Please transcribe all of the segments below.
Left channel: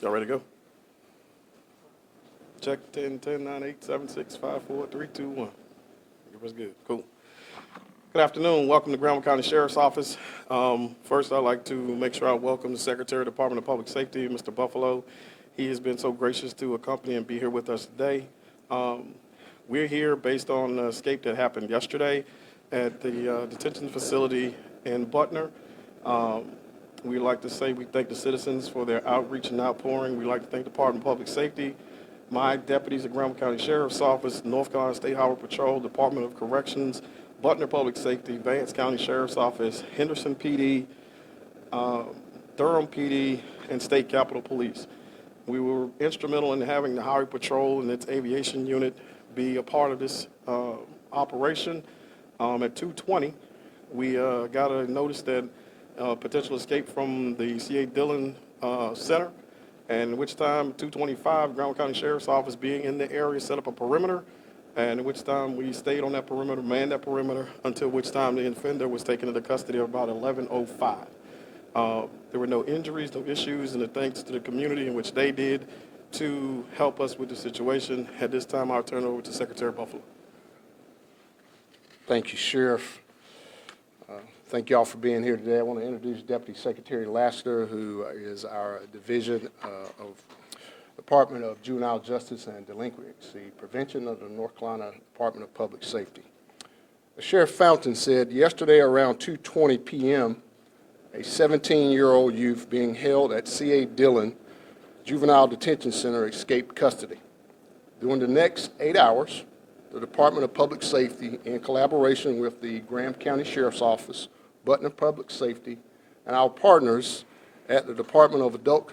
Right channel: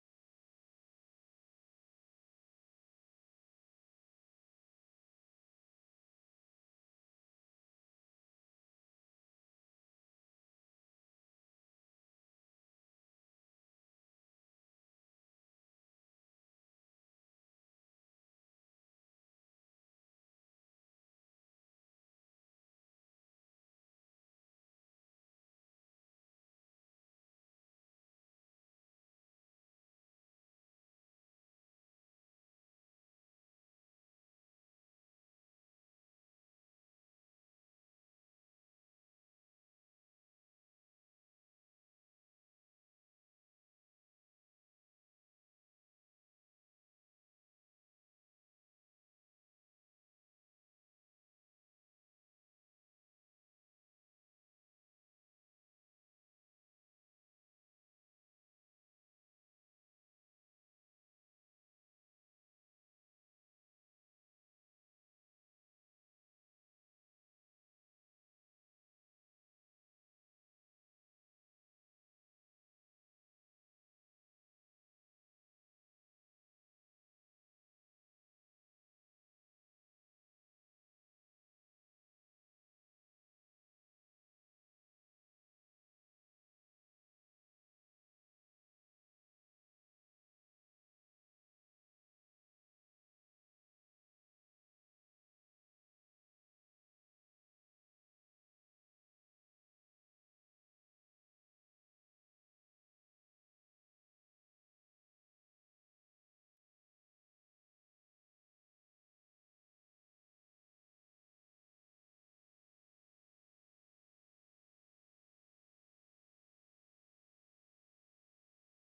Y'all ready to go? Check 10, 10, 9, 8, 7, 6, 5, 4, 3, 2, 1. Everybody's good. Cool. Good afternoon. Welcome to Granville County Sheriff's Office. First, I'd like to make sure I welcome the Secretary of the Department of Public Safety, Mr. Buffalo. He has been so gracious to accompany and be here with us today. We're here based on the escape that happened yesterday at the detention facility in Butner. We'd like to say we thank the citizens for their outreach and outpouring. We'd like to thank the Department of Public Safety, my deputies at Granville County Sheriff's Office, North Carolina State Highway Patrol, Department of Corrections, Butner Public Safety, Vance County Sheriff's Office, Henderson PD, Durham PD, and State Capitol Police. We were instrumental in having the Highway Patrol and its aviation unit be a part of this operation. At 2:20, we got a notice that potential escape from the C.A. Dillon Center, and at which time, 2:25, Granville County Sheriff's Office being in the area set up a perimeter, and at which time we stayed on that perimeter, manned that perimeter, until which time the offender was taken into custody at about 11:05. There were no injuries, no issues, and thanks to the community in which they did to help us with the situation. At this time, I'll turn it over to Secretary Buffalo. Thank you, Sheriff. Thank you all for being here today. I want to introduce Deputy Secretary Lassiter, who is our Division of Department of Juvenile Justice and Delinquency Prevention of the North Carolina Department of Public Safety. Sheriff Fountain said yesterday around 2:20 p.m., a 17-year-old youth being held at C.A. Dillon Juvenile Detention Center escaped custody. During the next 8 hours, the Department of Public Safety, in collaboration with the Granville County Sheriff's Office, Butner Public Safety, and our partners at the Department of Adult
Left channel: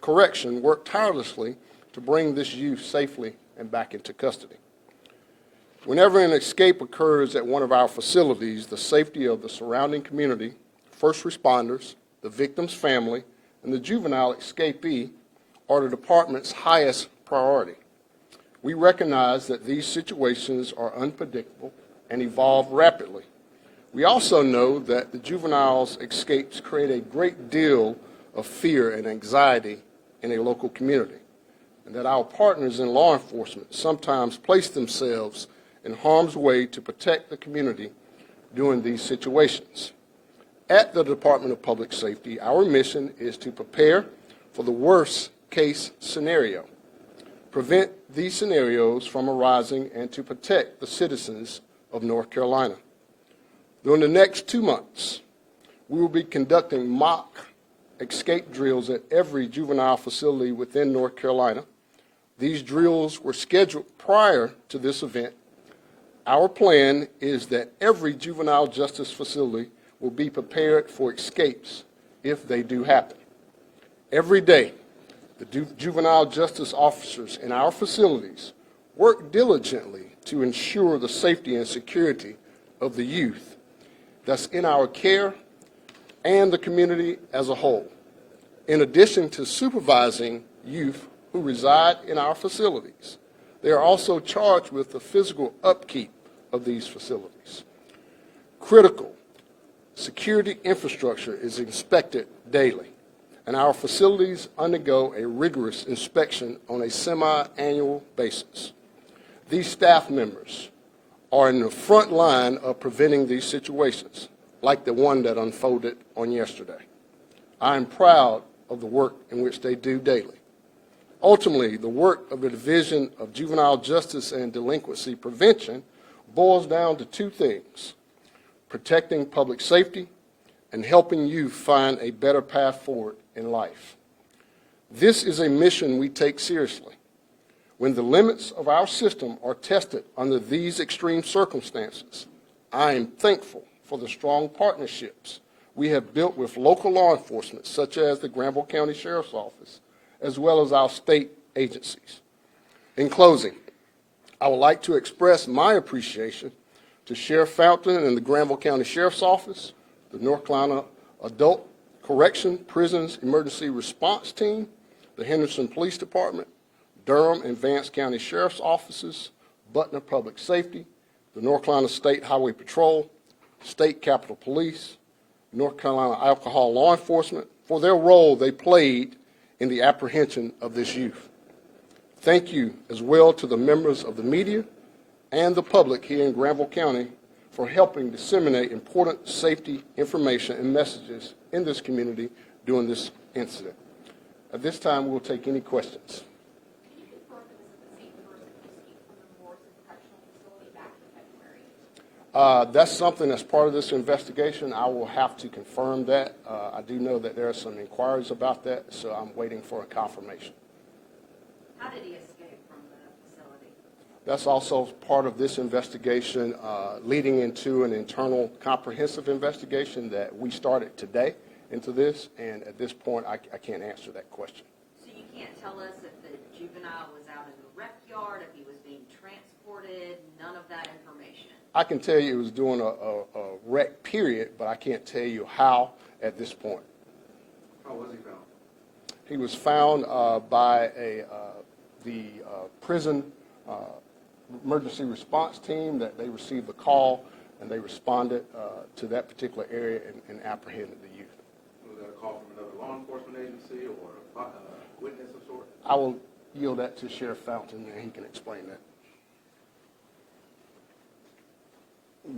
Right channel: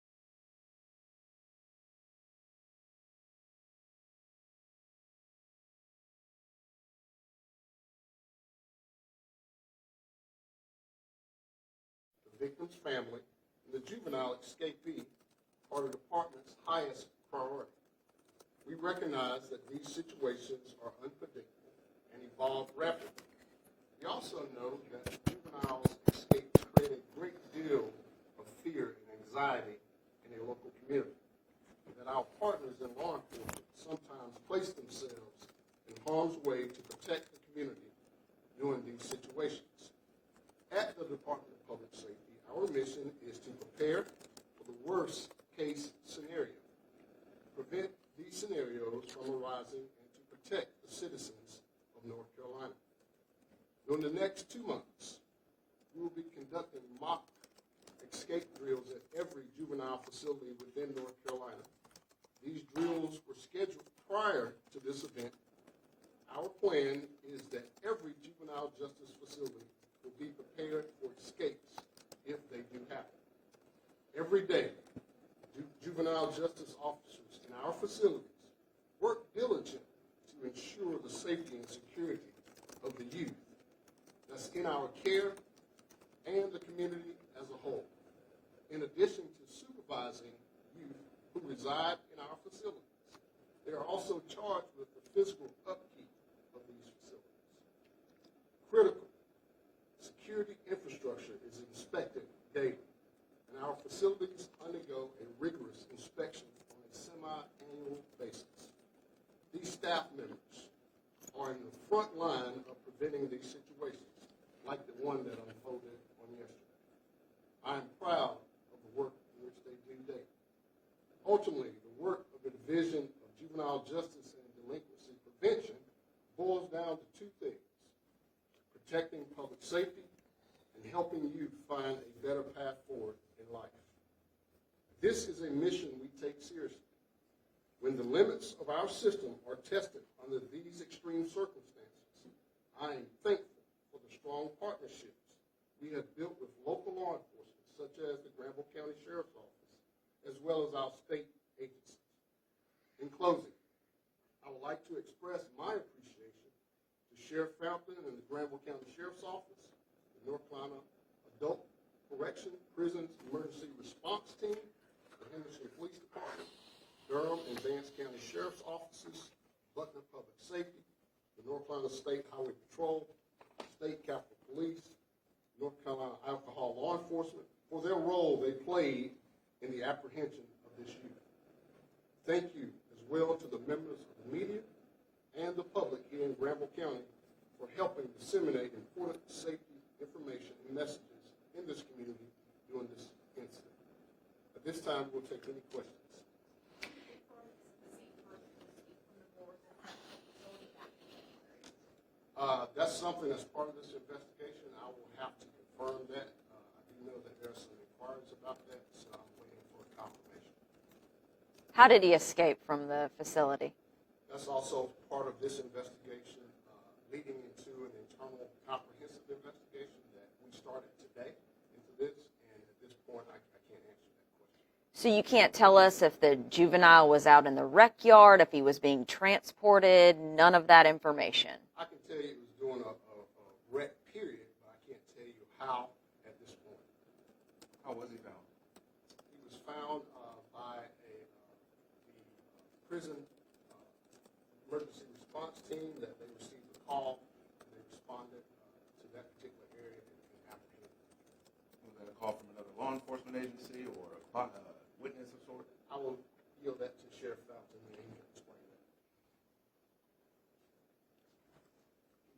Correction, worked tirelessly to bring this youth safely and back into custody. Whenever an escape occurs at one of our facilities, the safety of the surrounding community, first responders, the victim's family, and the juvenile escapee are the department's highest priority. We recognize that these situations are unpredictable and evolve rapidly. We also know that the juveniles' escapes create a great deal of fear and anxiety in a local community, and that our partners in law enforcement sometimes place themselves in harm's way to protect the community during these situations. At the Department of Public Safety, our mission is to prepare for the worst case scenario, prevent these scenarios from arising, and to protect the citizens of North Carolina. During the next 2 months, we will be conducting mock escape drills at every juvenile facility within North Carolina. These drills were scheduled prior to this event. Our plan is that every juvenile justice facility will be prepared for escapes if they do happen. Every day, the juvenile justice officers in our facilities work diligently to ensure the safety and security of the youth that's in our care and the community as a whole. In addition to supervising youth who reside in our facilities, they are also charged with the physical upkeep of these facilities. Critical security infrastructure is inspected daily, and our facilities undergo a rigorous inspection on a semi-annual basis. These staff members are in the front line of preventing these situations, like the one that unfolded on yesterday. I am proud of the work in which they do daily. Ultimately, the work of the Division of Juvenile Justice and Delinquency Prevention boils down to two things: protecting public safety and helping youth find a better path forward in life. This is a mission we take seriously. When the limits of our system are tested under these extreme circumstances, I am thankful for the strong partnerships we have built with local law enforcement, such as the Granville County Sheriff's Office, as well as our state agencies. In closing, I would like to express my appreciation to Sheriff Fountain and the Granville County Sheriff's Office, the North Carolina Adult Correction Prisons Emergency Response Team, the Henderson Police Department, Durham and Vance County Sheriff's Offices, Butner Public Safety, the North Carolina State Highway Patrol, State Capitol Police, North Carolina Alcohol Law Enforcement, for their role they played in the apprehension of this youth. Thank you as well to the members of the media and the public here in Granville County for helping disseminate important safety information and messages in this community during this incident. At this time, we'll take any questions. That's something that's part of this investigation. I will have to confirm that. I do know that there are some inquiries about that, so I'm waiting for a confirmation. How did he escape from the facility? That's also part of this investigation, leading into an internal comprehensive investigation that we started today into this, and at this point, I can't answer that question. So you can't tell us if the juvenile was out in the rec yard, if he was being transported, none of that information? I can tell you it was during a rec period, but I can't tell you how at this point. How was he found? He was found by the prison emergency response team. That they received the call and they responded to that particular area and apprehended the youth. Was that a call from another law enforcement agency or a witness of sorts? I will yield that to Sheriff Fountain and he can explain that.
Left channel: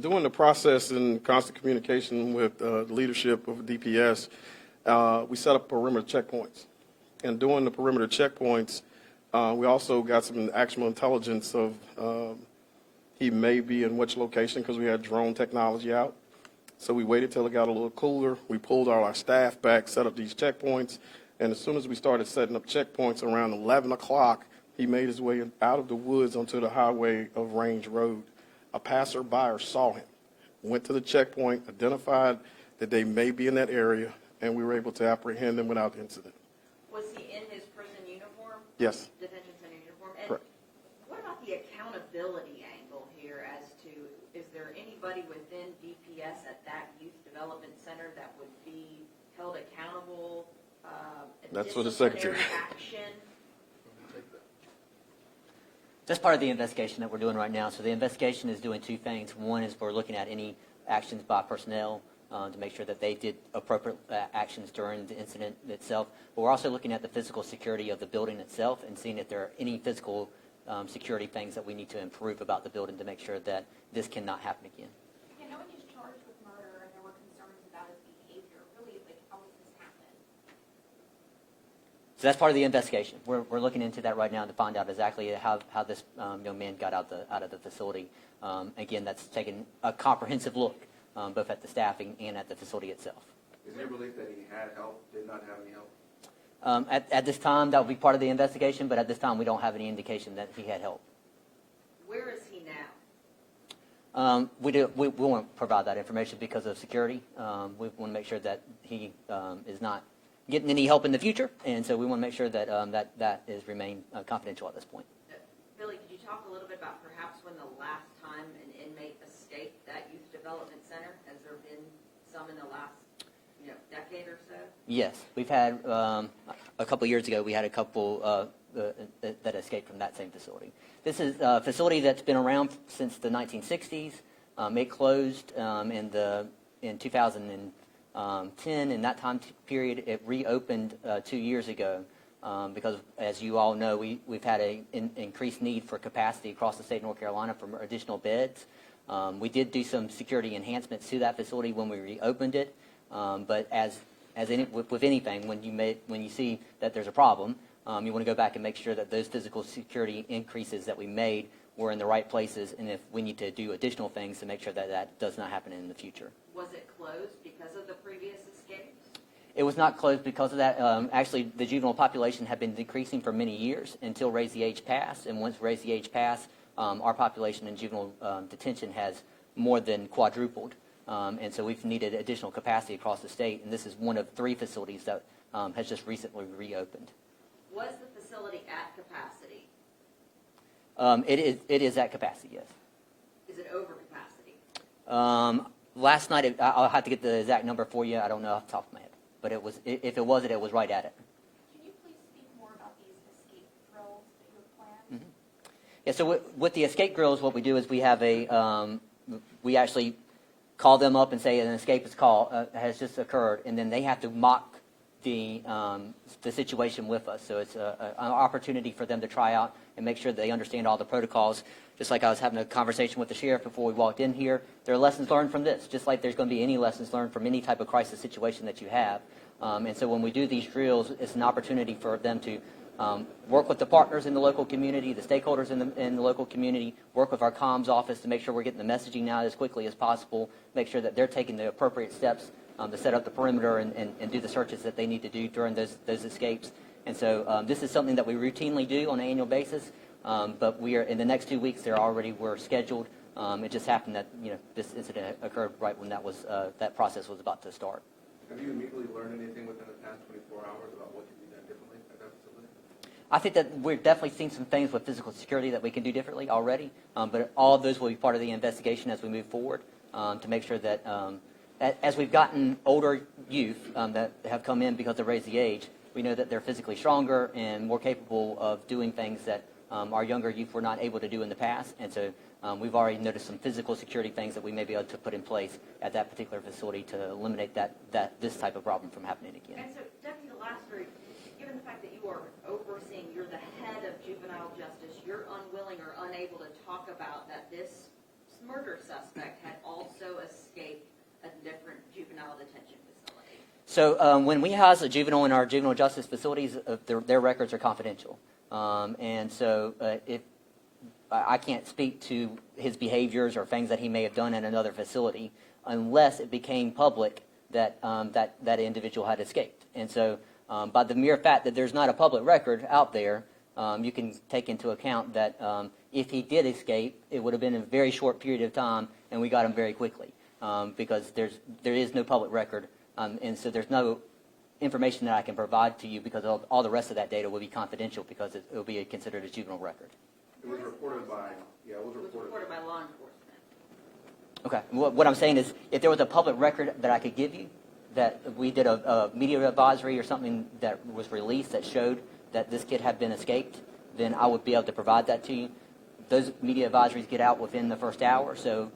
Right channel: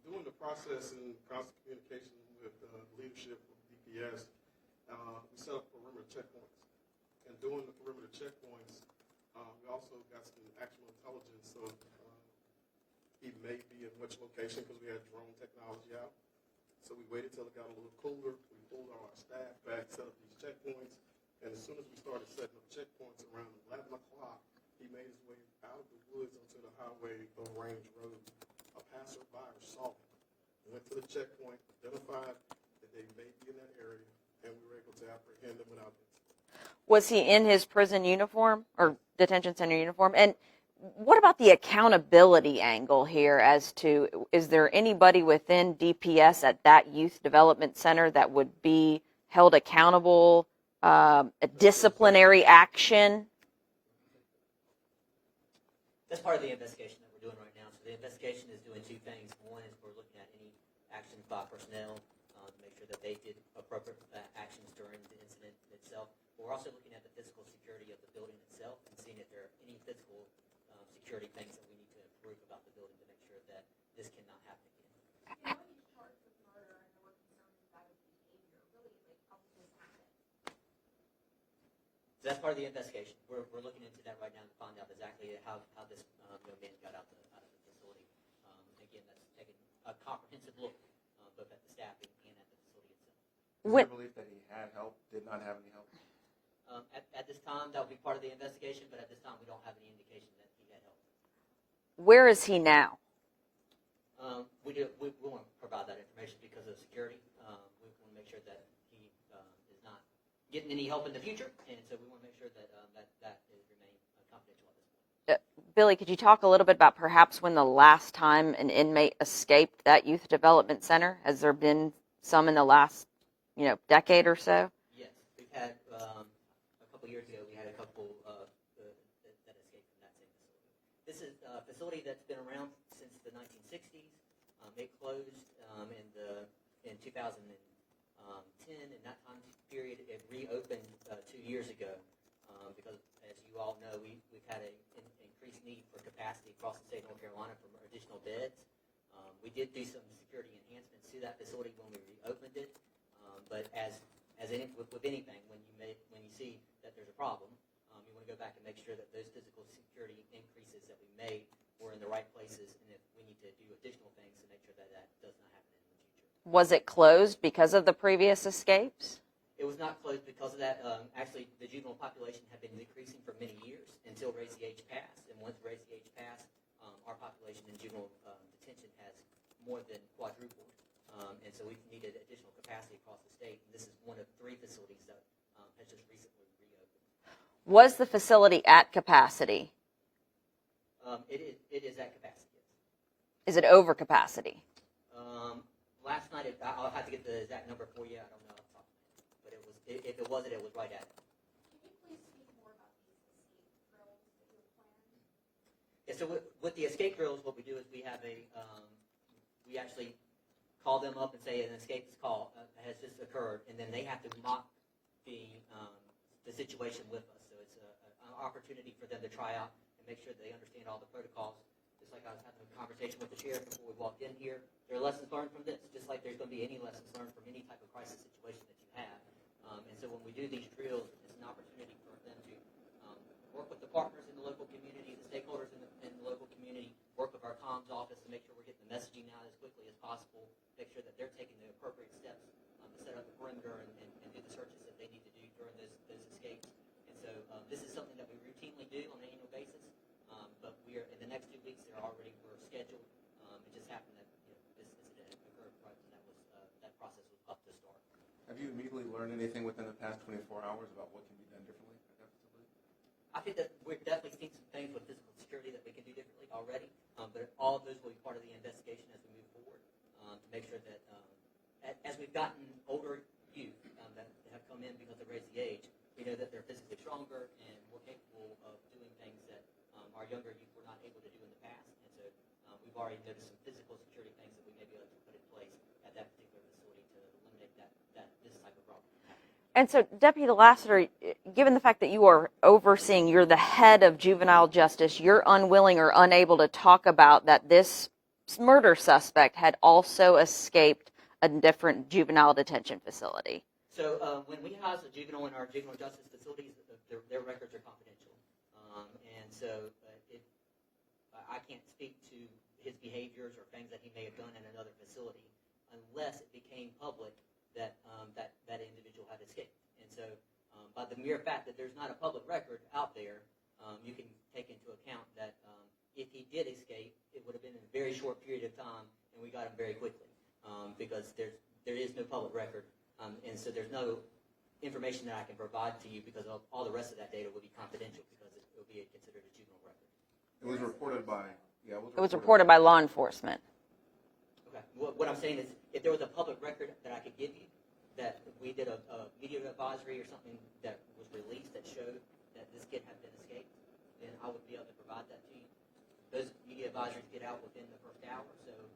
During the process in constant communication with the leadership of DPS, we set up perimeter checkpoints. And during the perimeter checkpoints, we also got some actual intelligence of he may be in which location because we had drone technology out. So we waited till it got a little cooler. We pulled all our staff back, set up these checkpoints. And as soon as we started setting up checkpoints around 11 o'clock, he made his way out of the woods onto the highway of Range Road. A passerby saw him, went to the checkpoint, identified that they may be in that area, and we were able to apprehend him without incident. Was he in his prison uniform or Yes. detention center uniform? And Correct. what about the accountability angle here as to, is there anybody within DPS at that youth development center that would be held accountable, a disciplinary action? That's part of the investigation that we're doing right now. So the investigation is doing two things. One is we're looking at any actions by personnel to make sure that they did appropriate actions during the incident itself. But we're also looking at the physical security of the building itself and seeing if there are any physical security things that we need to improve about the building to make sure that this cannot happen again. You know, when he's charged with murder and there were concerns about his behavior, really, like, how does this happen? So that's part of the investigation. We're looking into that right now to find out exactly how this young man got out of the facility. Again, that's taken a comprehensive look, both at the staffing and at the facility itself. Is there belief that he had help, did not have any help? At this time, that will be part of the investigation, but at this time, we don't have any indication that he had help. Where is he now? We won't provide that information because of security. We want to make sure that he is not getting any help in the future, and so we want to make sure that that is remain confidential at this point. Billy, could you talk a little bit about perhaps when the last time an inmate escaped that youth development center? Has there been some in the last, decade or so? Yes, we've had a couple years ago. We had a couple that escaped from that same facility. This is a facility that's been around since the 1960s. It closed in 2010. In that time period, it reopened 2 years ago because, as you all know, we've had an increased need for capacity across the state of North Carolina for additional beds. We did do some security enhancements to that facility when we reopened it, but with anything, when you see that there's a problem, you want to go back and make sure that those physical security increases that we made were in the right places, and if we need to do additional things to make sure that that does not happen in the future. Was it closed because of the previous escapes? It was not closed because of that. Actually, the juvenile population had been decreasing for many years until Raise the Age passed, and once Raise the Age passed, our population in juvenile detention has more than quadrupled, and so we've needed additional capacity across the state, and this is one of 3 facilities that has just recently reopened. Was the facility at capacity? It is at capacity, yes. Is it over capacity? Last night, I'll have to get the exact number for you. I don't know off the top of my head, but it was. If it wasn't, it was right at it. Can you please speak more about these escape drills that you have planned? Yeah. So with the escape drills, what we do is we have we actually call them up and say an escape has just occurred, and then they have to mock the situation with us. So it's an opportunity for them to try out and make sure that they understand all the protocols. Just like I was having a conversation with the sheriff before we walked in here, there are lessons learned from this, just like there's going to be any lessons learned from any type of crisis situation that you have. And so when we do these drills, it's an opportunity for them to work with the partners in the local community, the stakeholders in the local community, work with our comms office to make sure we're getting the messaging out as quickly as possible, make sure that they're taking the appropriate steps to set up the perimeter and do the searches that they need to do during those escapes. And so this is something that we routinely do on an annual basis, but we are in the next 2 weeks. We're scheduled. It just happened that this incident occurred right when that process was about to start. Have you immediately learned anything within the past 24 hours about what can be done differently at that facility? I think that we're definitely seeing some things with physical security that we can do differently already, but all of those will be part of the investigation as we move forward to make sure that as we've gotten older youth that have come in because they've raised the age, we know that they're physically stronger and more capable of doing things that our younger youth were not able to do in the past. And so we've already noticed some physical security things that we may be able to put in place at that particular facility to eliminate this type of problem from happening again. And so, Deputy Lassiter, given the fact that you are overseeing, you're the head of juvenile justice, you're unwilling or unable to talk about that this murder suspect had also escaped a different juvenile detention facility. So when we house a juvenile in our juvenile justice facilities, their records are confidential. And so I can't speak to his behaviors or things that he may have done in another facility unless it became public that that individual had escaped. And so by the mere fact that there's not a public record out there, you can take into account that if he did escape, it would have been a very short period of time, and we got him very quickly because there is no public record, and so there's no information that I can provide to you because all the rest of that data will be confidential because it will be considered a juvenile record. It was reported by, It was reported by law enforcement. Okay. What I'm saying is, if there was a public record that I could give you, that we did a media advisory or something that was released that showed that this kid had been escaped, then I would be able to provide that to you. Those media advisories get out within the first hour, so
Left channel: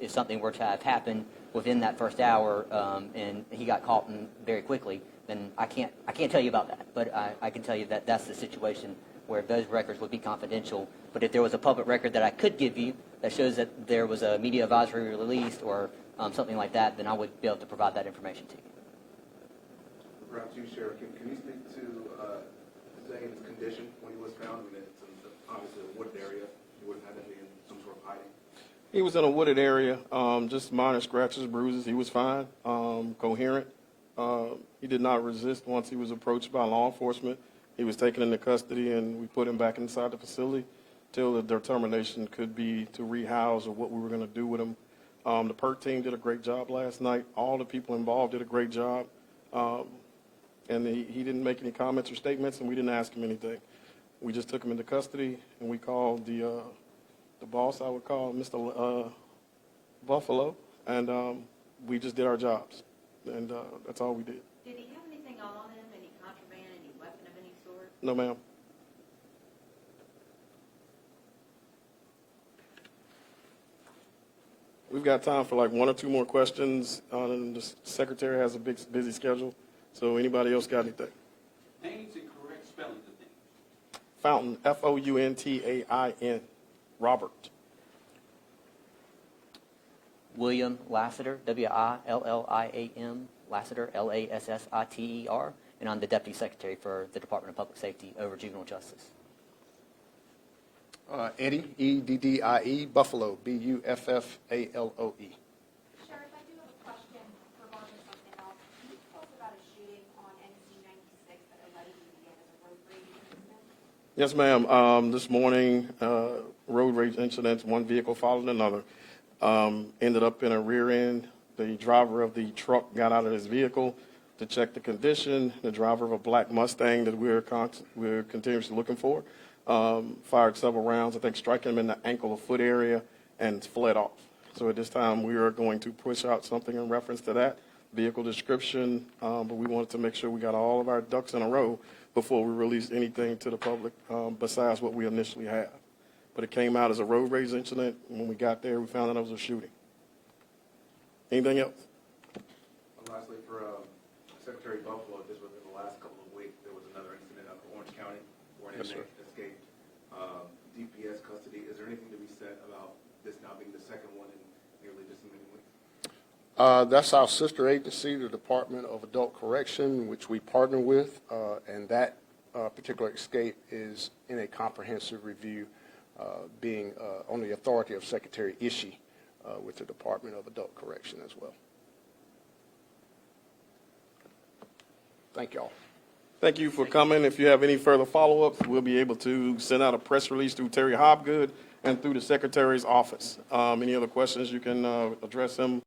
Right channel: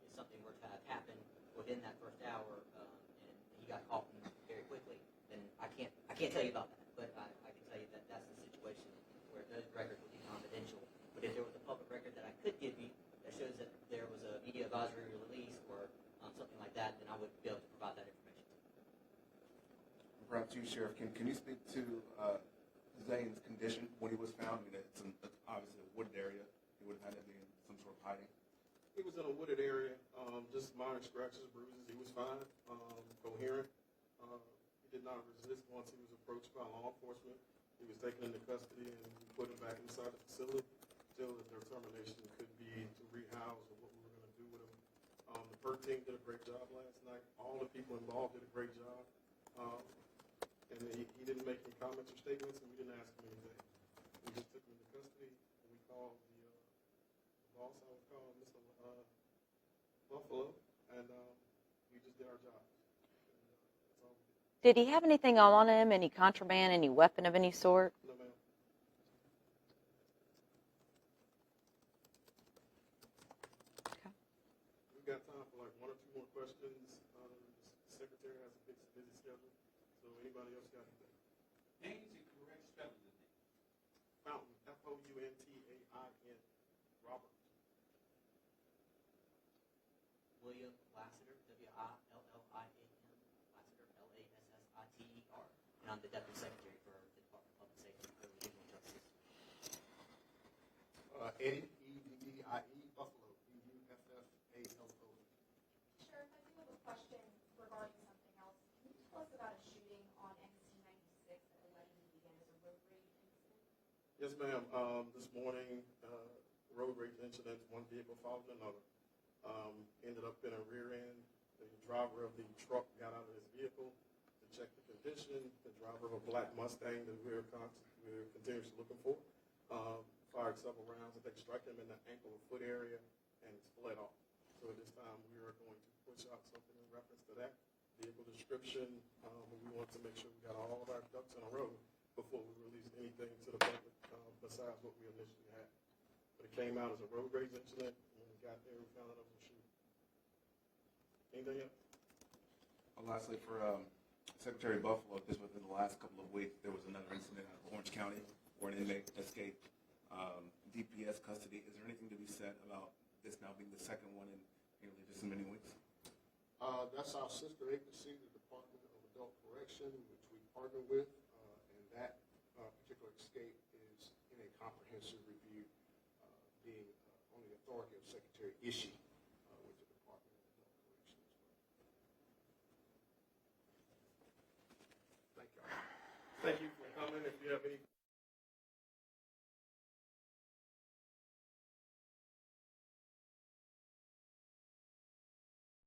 if something were to have happened within that first hour and he got caught very quickly, then I can't tell you about that. But I can tell you that that's the situation where those records would be confidential. But if there was a public record that I could give you that shows that there was a media advisory released or something like that, then I would be able to provide that information to you. Perhaps you, Sheriff, can you speak to Zane's condition when he was found? I mean, it's obviously a wooded area. He wouldn't have to be in some sort of hiding. He was in a wooded area, just minor scratches, bruises. He was fine, coherent. He did not resist once he was approached by law enforcement. He was taken into custody, and we put him back inside the facility till the determination could be to rehouse or what we were going to do with him. The PERT team did a great job last night. All the people involved did a great job. And he didn't make any comments or statements, and we didn't ask him anything. We just took him into custody, and we called the boss, I would call Mr. Buffalo, and we just did our jobs. And that's all we did. Did he have anything on him, any contraband, any weapon of any sort? No, ma'am. We've got time for like one or two more questions. The secretary has a big, busy schedule. So anybody else got anything? Names and correct spellings of names. Fountain, Fountain, Robert. William Lassiter, William, Lassiter, Lassiter, and I'm the Deputy Secretary for the Department of Public Safety over Juvenile Justice. Eddie, Eddie, Buffalo, Buffaloe. Sheriff, I do have a question regarding something else. Can you tell us about a shooting on NC 96 that allegedly began as a road rage incident? Yes, ma'am. This morning, road rage incidents, one vehicle followed another. Ended up in a rear end. The driver of the truck got out of his vehicle to check the condition. The driver of a black Mustang that we're continuously looking for fired several rounds, I think striking him in the ankle or foot area, and fled off. So at this time, we are going to push out something in reference to that vehicle description, but we wanted to make sure we got all of our ducks in a row before we release anything to the public besides what we initially have. But it came out as a road rage incident. When we got there, we found out it was a shooting. Anything else? Lastly, for Secretary Buffalo, just within the last couple of weeks, there was another incident out of Orange County where an inmate escaped DPS custody. Is there anything to be said about this now being the second one in nearly just as many weeks? That's our sister agency, the Department of Adult Correction, which we partner with, and that particular escape is in a comprehensive review, being on the authority of Secretary Ishii with the Department of Adult Correction as well. Thank y'all. Thank you for coming. If you have any further follow-ups, we'll be able to send out a press release through Terry Hobgood and through the Secretary's office. Any other questions, you can address him